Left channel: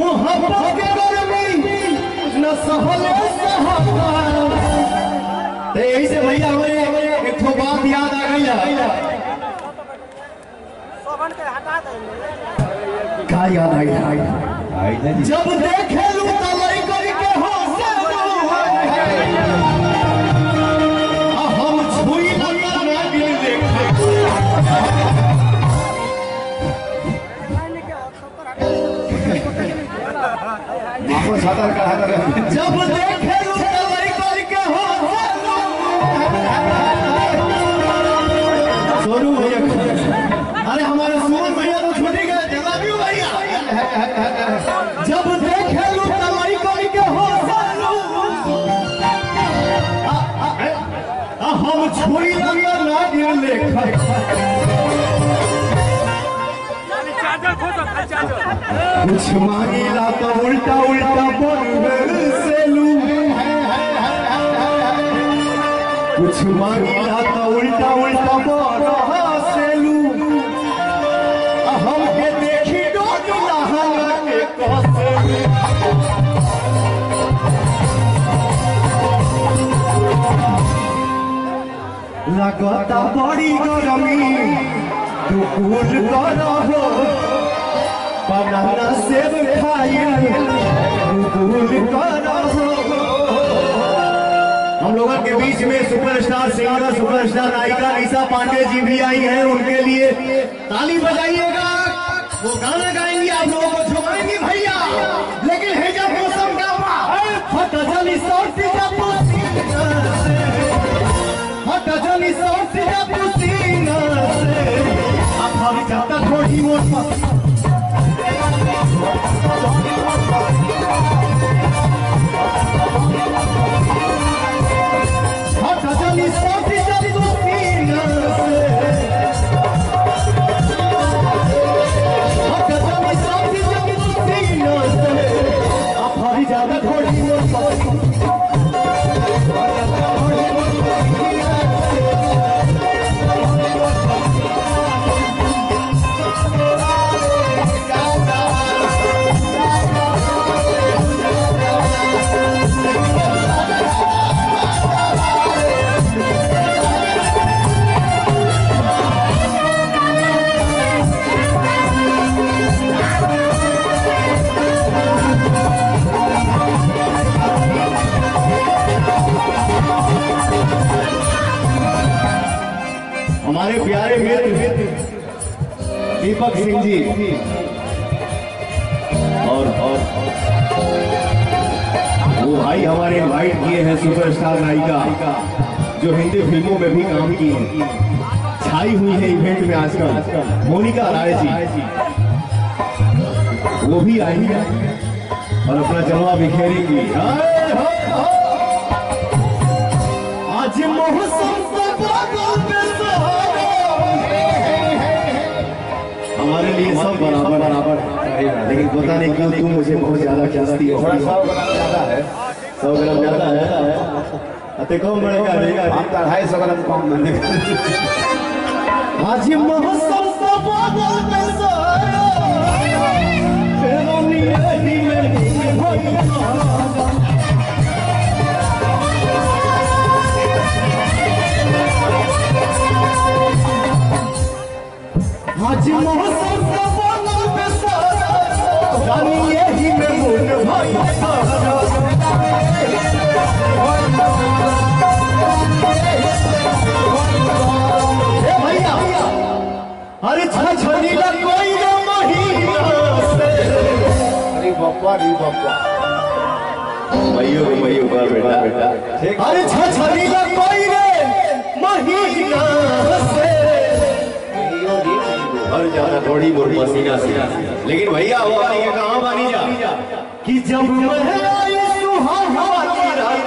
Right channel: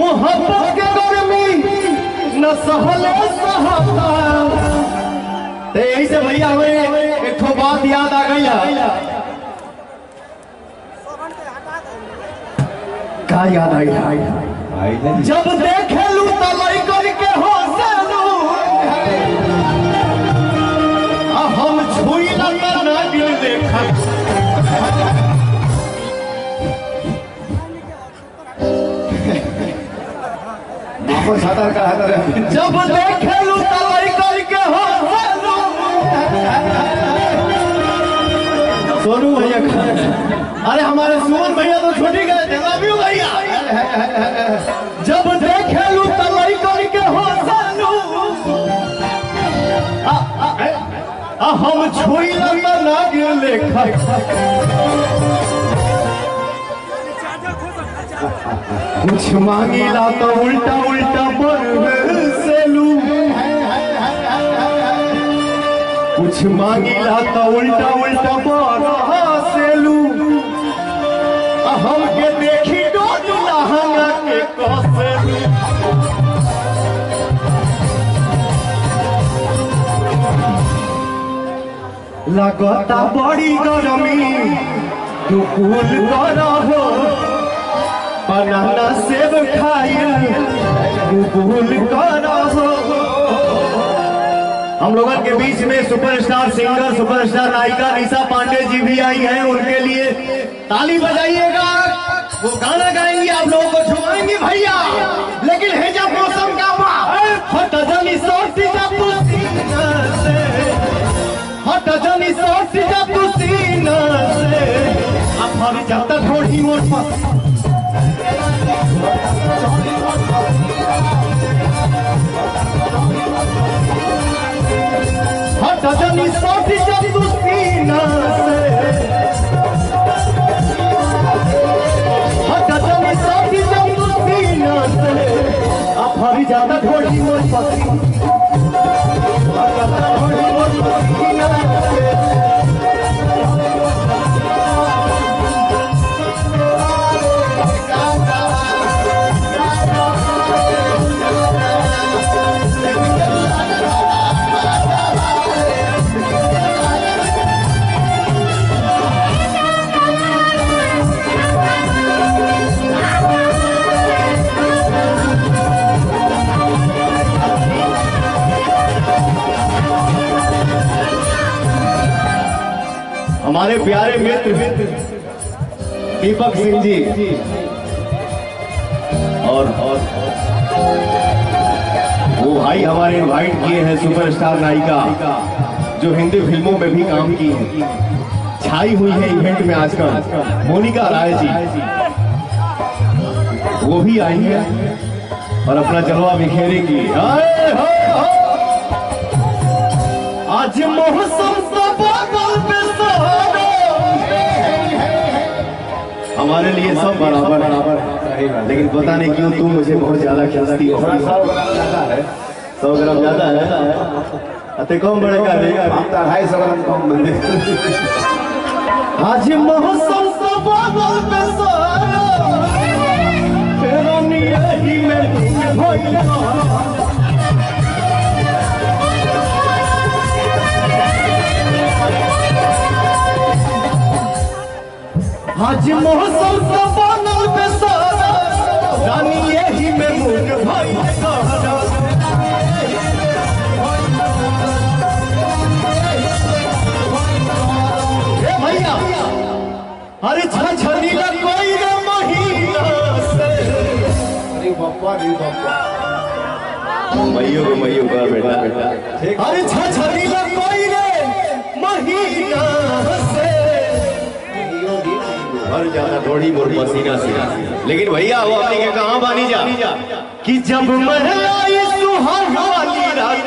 मोहब्बत के गर्मी न सहल सहता। ऐसे भैया हमें एक बात याद आ गई है। क्या याद आई? जब देखे लू तलई करके हो हम छुई ना देखा। जब देखे लू तलई करके हो सोनू भैया। अरे हमारे सुमन भैया तो छोटी गए थे भैया। जब देखे लू तलई करके हो हम छुई ना लेखा। कुछ मांगीला तो उल्टा उल्टा से लू। कुछ मांगीला तो उल्टा उल्टा से लू। हम के देखी लहंगा के कसे। लगता बड़ी गरमी तू कूल करो। बनाना सेब खाइए कूल करो। हम लोगों के बीच में सुपरस्टार सिंगर सुपरस्टार नायिका निशा पांडे जी भी आई हैं। उनके लिए ताली बजाइएगा। वो गाना गाएंगी, आप लोगों को झुमाएंगी भैया। लेकिन है जब मौसम का हट जानी सोची जब हट जानी सोची जब सीना से। अब हम जाता थोड़ी मोट हट जानी सोची जब सीना से। हट जानी सोची जब सीना से। अब हम जाता थोड़ी मोट हमारे प्यारे मित्र दीपक सिंह जी और वो भाई हमारे इनवाइट किए हैं सुपरस्टार नायिका जो हिंदी फिल्मों में भी काम की है, छाई हुई है इवेंट में आजकल, मोनिका राय जी। वो भी आई है और अपना जलवा बिखेरेंगी। आज मौसम हमारे लिए सब बराबर लेकिन पता नहीं क्यों तू मुझे बहुत ज्यादा खींचती है। 100 ग्राम ज्यादा है। अते कम बड़े का 250 ग्राम कम बंदे। आज मौसम सब बादल पे सोया तेरा यही में आज मौसम का बादल पे सारा रानी यही में मुन भाई। भैया अरे छछनी कोई रे महीना से। अरे बापा मइयो का बेटा। अरे छछनी कोई रे महीना से। हर जाना थोड़ी मोर पसीना से। लेकिन भैया वो आने के कहाँ बानी जा कि जब महलाई सुहाग वाली रात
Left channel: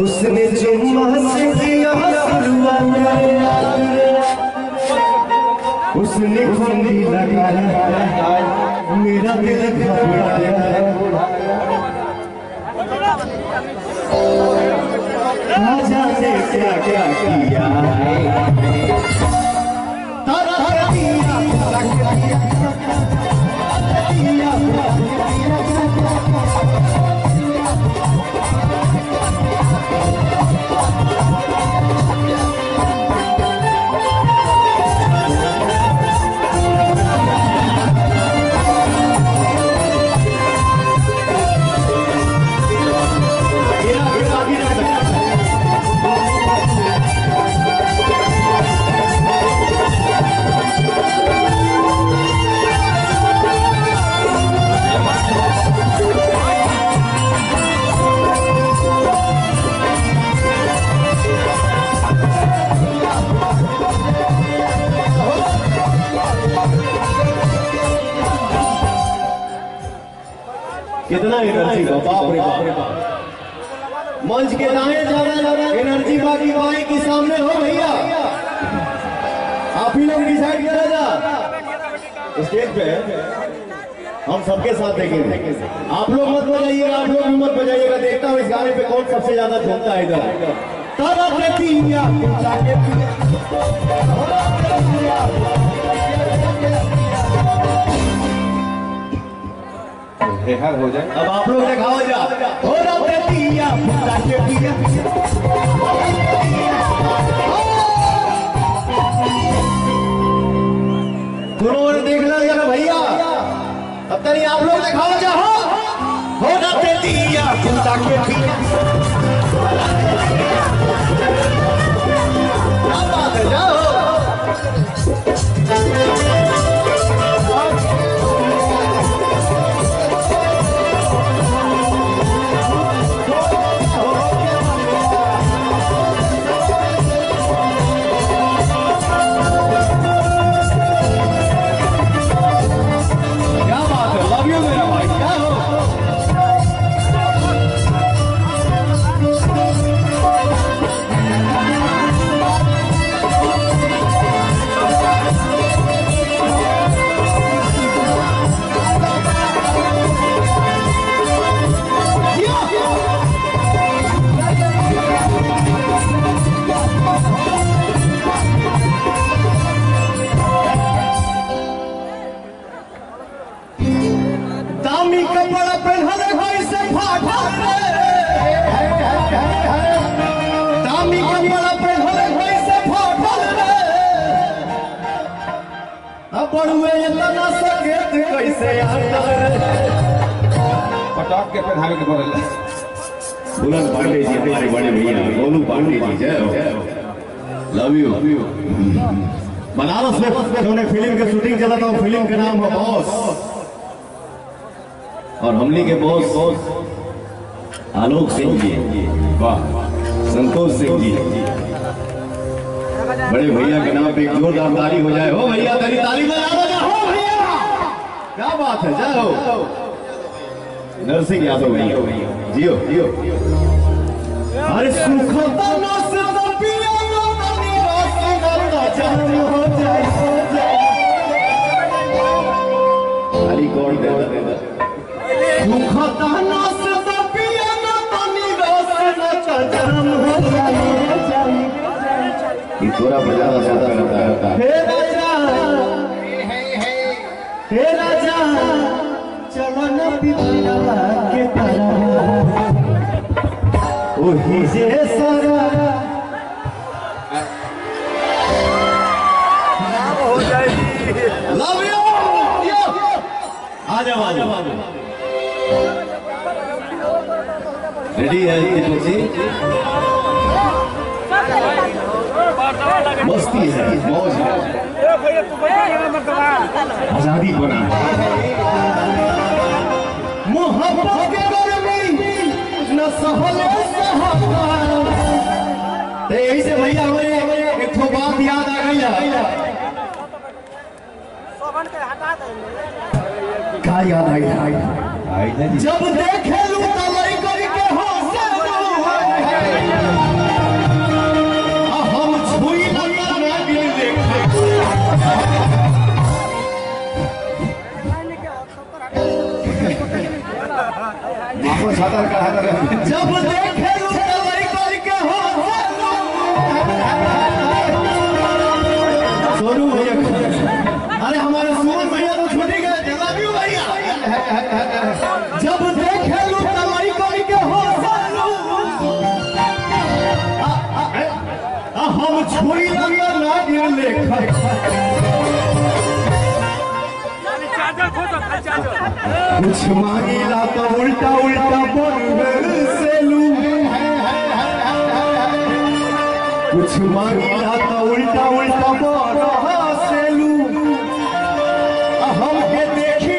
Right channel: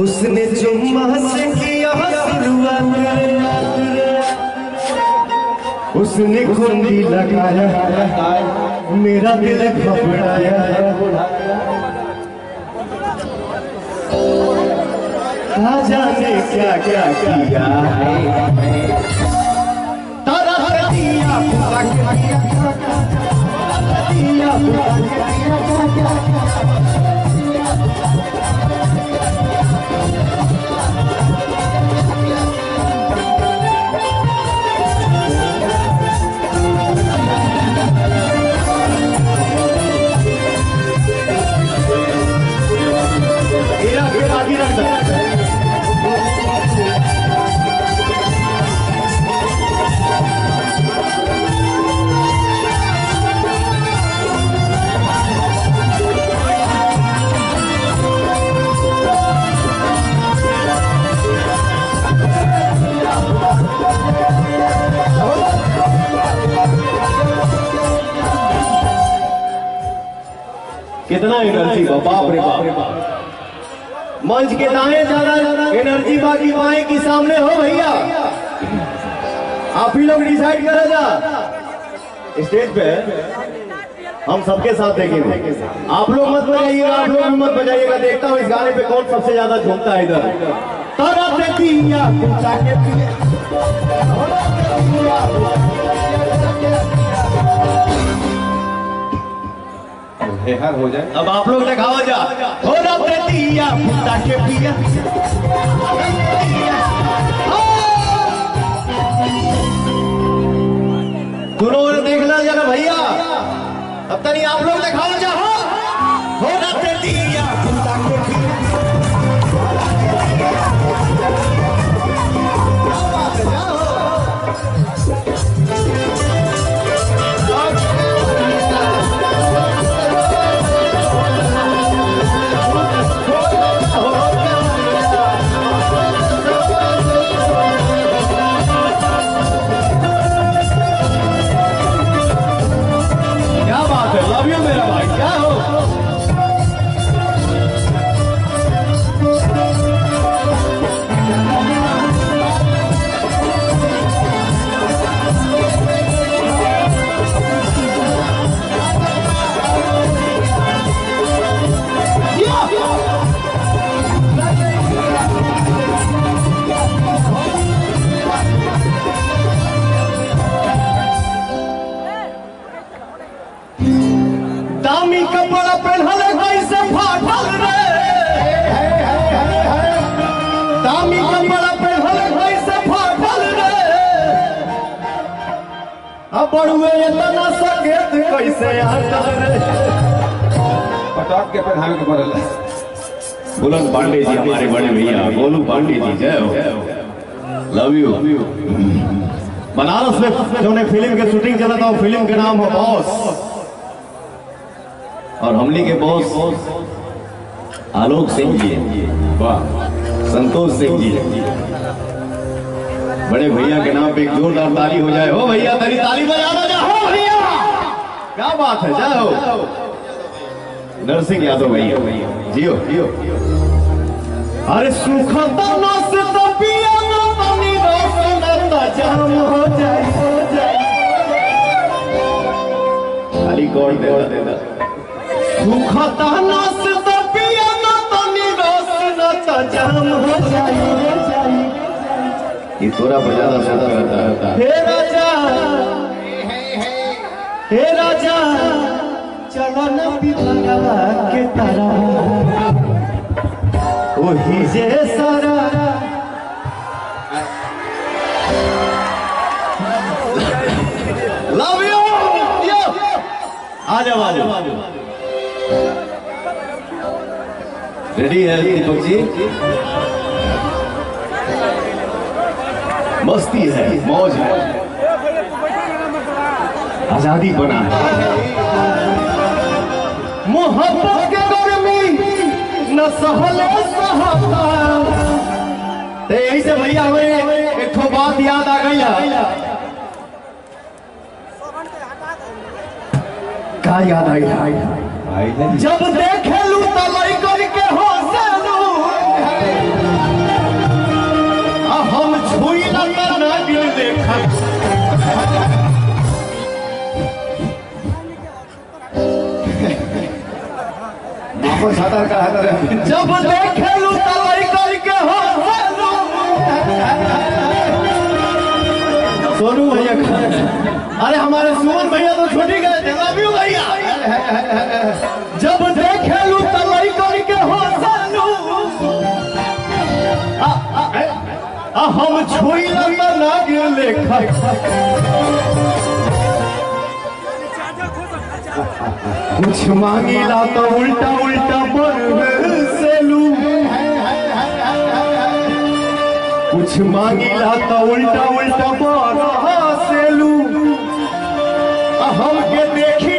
उसने जुम्मा से किया शुरुआत। उसने कुंडी लगाया मेरा दिल घबराया। जाने क्या क्या किया है तारा दिया कितना एनर्जी बाप रे बाप। मंच के दाएं ज्यादा एनर्जी बाकी बाएं की सामने हो भैया। आप ही लोग डिसाइड करा जा। स्टेज पे हम सबके साथ देखेंगे। आप लोग मत बजाइएगा, आप लोग मत बजाइएगा। देखता हूँ इस गाने पे कौन सबसे ज्यादा झूमता है इधर। हो जाए अब आप लोग दिखाओ जा। हो रते दिया फुटा के पिया। दोनों ने देख लिया जरा भैया। अब तक आप लोग दिखाओ जा। हो रते दिया फुटा के पिया। क्या बात है, जाओ। दामी कपड़ा पहनल कैसे फाटल रे। दामी कपड़ा पहनल कैसे फाटल रे। अब बड़ुए इतना सकेत कैसे आटल रे। पटाख के पहनावे के पड़ल। बुलंद पांडे जी हमारे बड़े भैया गोलू पांडे जी, जय हो, लव यू। बनारस में जो फिल्म के शूटिंग चला था, फिल्म के नाम है बॉस। और हमली के बॉस आलोक सिंह जी, वाह, संतोष सिंह जी। बड़े भैया के नाम पे एक जोरदार ताली हो जाए। हो भैया, तेरी ताली बजाना जा। हो भैया, क्या बात है, जय हो। नरसिंह यादव भैया, जियो जियो। अरे सुखता ना से तो पिया ना पानी रोसना जाम हो जाए, हो जाए। ताली कौन देता? सुखता ना से तो पिया ना पानी रोसना जाम हो जाए। ये थोड़ा बजाना सोता रहता है। हे राजा, हे राजा, चलो न पिता के तारा वही जे सारा। Love you. आ जाओ, आ जाओ। रेडी है दीपक जी? मस्ती है, मौज है, आजादी बना है। मोहब्बत के गर्मी न सहल सहाता। यही से भैया हमें एक बात याद आ गई है। क्या याद आई? जब देखे लू तलई करके हो हम छुई ना दिल देखा। जब देखे लू तलई करके हो सोनू भैया। अरे हमारे सुमन भैया तो छोटे हम छुई ना गिरले कुछ मांगीला तो उल्टा उल्टा से लू कुछ मांगीला तो उल्टा उल्टा से लू हम के देख